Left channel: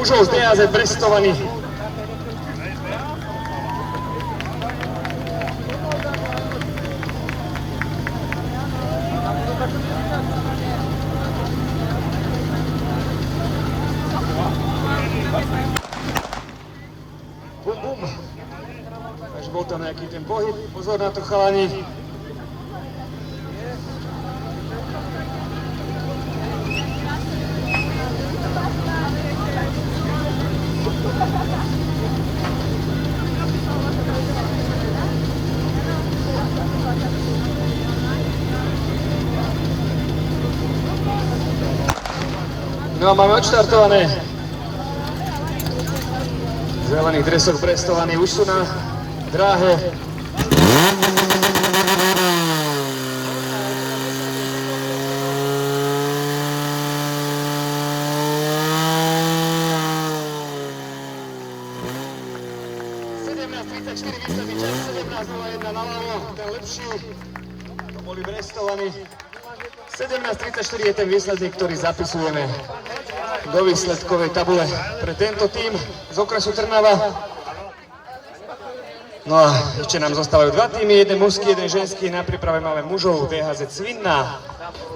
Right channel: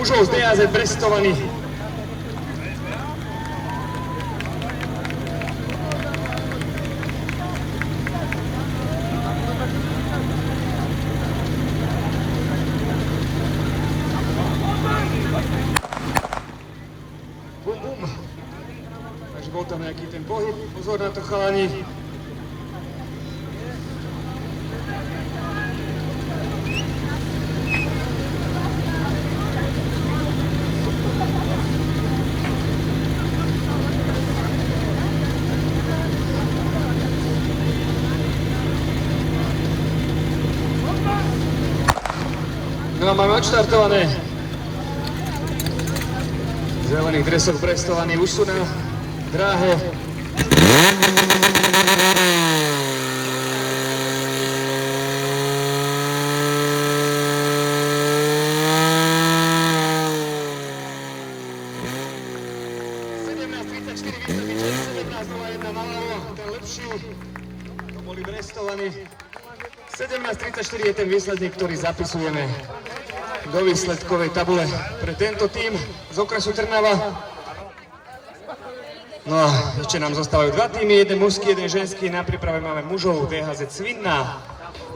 mužov z DHZ Brestovany. Bum, bum. Takže bol tam nejaký ten pohyb, pozor na to chalani. No a máme odštartované. V zelených dresoch Brestovaní už sú na dráhe. To boli Brestovaní. 17:34 je ten výsledník, ktorý zapisujeme do výsledkovej tabule pre tento tím z okresu Trnava. No a ešte nám zostávajú dva týmy, jeden mužský, jeden ženský. Na príprave máme mužov DHZ Svinná.